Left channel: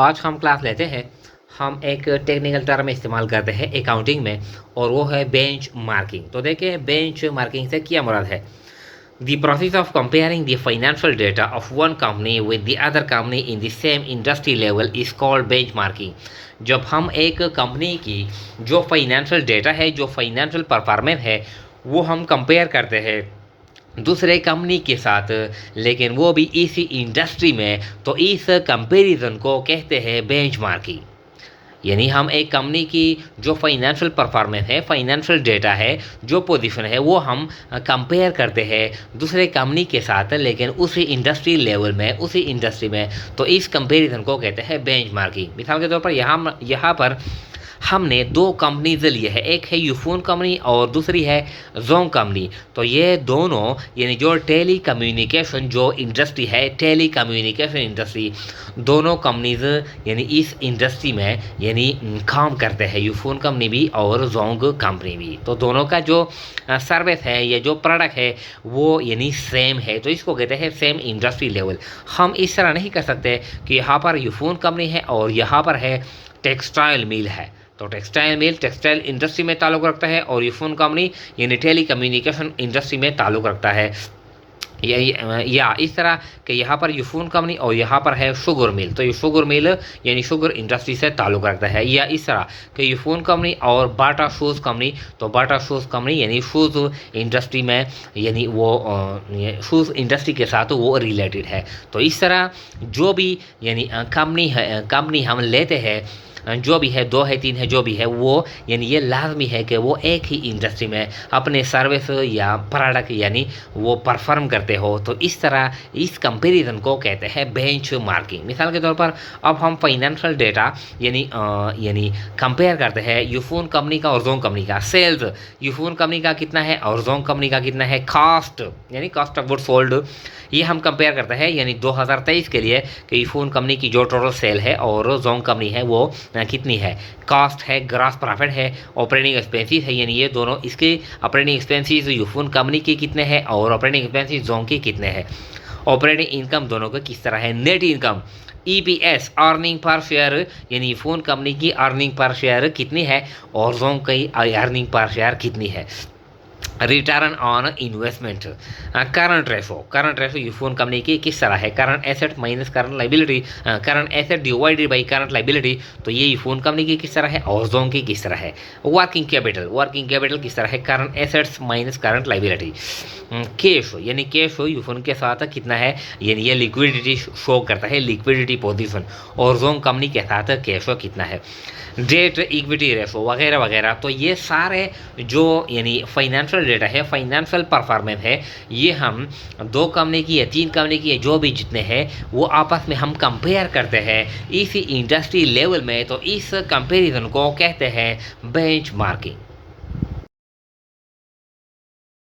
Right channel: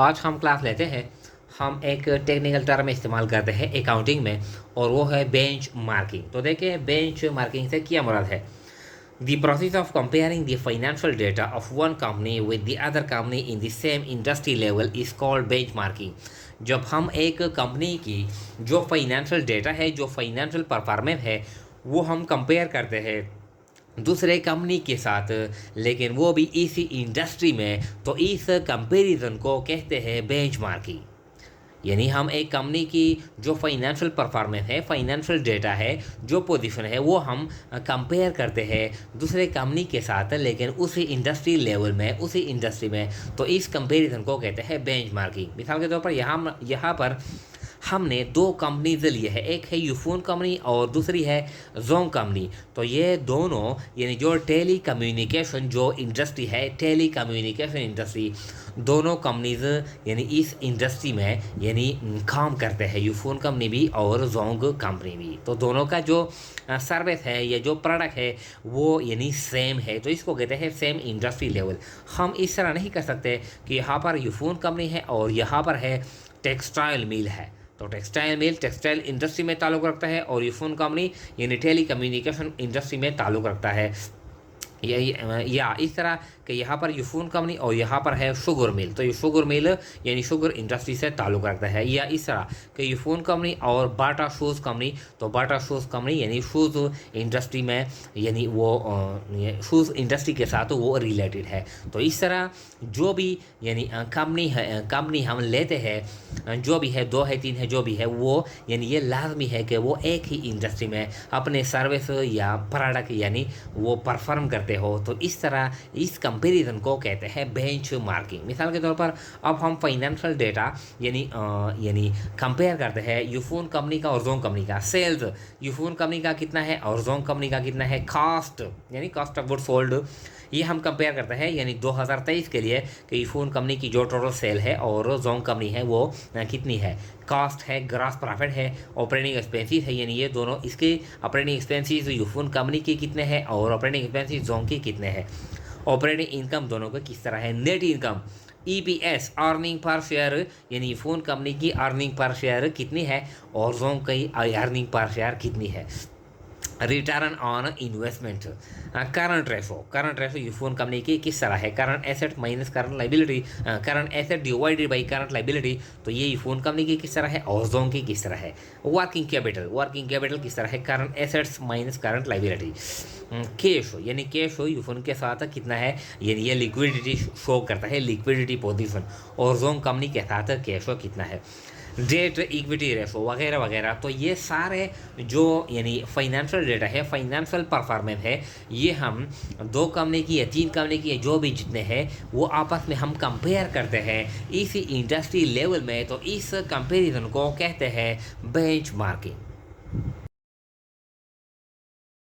आज हम क्लास लेते हैं। हम एक टेक्निकल टर्म इस्तेमाल करते हैं अकाउंटिंग में और वो है बेंच मार्किंग। तो देखिए बेंच मार्किंग से क्या मुराद है। The process of comparing the financial data of one company with the other company in the same industry level is called benchmarking। जब हम एक कंपनी की जो फाइनेंशियल डेटा है, जो फाइनेंशियल परफॉर्मेंस है, वो हम कंपेयर करते हैं दूसरे कंपनी के साथ, लेकिन वो भी इसी इंडस्ट्री में, तो इस कंपैरिजन को कहते हैं बेंचमार्किंग। यानी हम एक कंपनी की जो फाइनेंशियल परफॉर्मेंस है, फाइनेंशियल डेटा है, जो पोजीशन है, वो हम कंपेयर करते हैं दूसरे कंपनी के साथ, लेकिन उसी इंडस्ट्री लेवल में, उसी इंडस्ट्री में, तो इस कंपैरिजन को कहते हैं बेंचमार्किंग। मिसाल के तौर पर यहाँ पर हमने दो कंपनीज लिए है, एक है यूफोन कंपनी और दूसरी है जोंग कंपनी। तो ये दोनों यानी जो टेली कम्युनिकेशन जो इंडस्ट्री है, टेली कम्युनिकेशन इंडस्ट्री, दोनों कंपनीज यानी इस इंडस्ट्री में यानी काम करते हैं, यूफोन कंपनी भी और जोंग कंपनी भी। तो दोनों का जो सर्विस है या जो प्रोडक्ट है वो यानी सेम है, तो इसको कहते हैं सेम इंडस्ट्री लेवल। हम इस तरह नहीं कर सकते कि यहाँ पर यूफोन कंपनी है और यहाँ पर है टेक्सटाइल मिल है, तो टेक्सटाइल मिल टेक्सटाइल इंडस्ट्री में ताल्लुक़ रखता है और यूफोन कंपनी यानी टेली कम्युनिकेशन इंडस्ट्री में ताल्लुक़ रखता है। या इस तरह कि यहाँ पर यूफोन कंपनी और यहाँ पर है शुगर मिल, तो ये शुगर मिल यानी शुगर इंडस्ट्री से ताल्लुक़ रखता है। या इस तरह कि यूफोन कंपनी और बाटा शूज़ कंपनी, तो बाटा शूज़ कंपनी यानी शूज़ इंडस्ट्री में, यानी वो शूज़ इंडस्ट्री के साथ वो रिलेटेड है। तो इस तरह जो भी यानी कंपनी हम लेते हैं, जो भी है, दो है, तीन है, जो भी है, वो यानी ये लाजमी है कि वो एक ही इंडस्ट्री में अपने सर्विस या प्रोडक्ट यानी वो परफॉर्म करते हो। तो इस तरह इस कंपैरिजन को कहते हैं बेंच मार्किंग। मिसाल के तौर पर अब हम फाइनेंशियल डेटा यानी कंपेयर करते हैं यूफोन कंपनी का और जोंग कंपनी का। सेल्स यूफोन कंपनी का कितना है और जोंग कंपनी का कितना है। कॉस्ट यानी कॉस्ट ऑफ गुड सोल्ड, ये हम कंपेयर करते हैं यानी 2023 के लिए कि यूफोन कंपनी की जो टोटल सेल है और जोंग कंपनी है वो कितनी है। कॉस्ट है, ग्रॉस प्रॉफिट है, ऑपरेटिंग एक्सपेंसेस है, यानी ये दोनों, इसके ऑपरेटिंग एक्सपेंसेस यूफोन कंपनी के कितने हैं और ऑपरेटिंग एक्सपेंसेस जोंग के कितने हैं। ऑपरेटिंग इनकम दोनों का किस तरह है। Net income, EPS earning per share यानी यूफोन कंपनी की अर्निंग पर शेयर कितनी है और जोंग की अर्निंग पर शेयर कितनी है। Return on investment, current ratio Ufone company की किस तरह है। Current asset minus current liability, current asset divided by current liability, तो ये यूफोन कंपनी की किस तरह है और जोंग की किस तरह है। वर्किंग कैपिटल किस तरह है। Current assets minus current liability. Cash यानी कैश यूफोन के साथ कितना है, यानी ये लिक्विडिटी शो करता है, लिक्विडिटी पोजीशन, और जोंग कंपनी के साथ कैश कितना है। डेट इक्विटी रेशो वगैरह वगैरह। तो ये सारे जो यानी फाइनेंशियल डेटा है, फाइनेंशियल परफॉर्मेंस है, ये हम दो कंपनी की या तीन कंपनी की जो भी जितने हैं वो आपस में हम कंपेयर करते हैं इसी इंडस्ट्री लेवल में। तो इस कंपैरिजन को कहते हैं बेंचमार्किंग।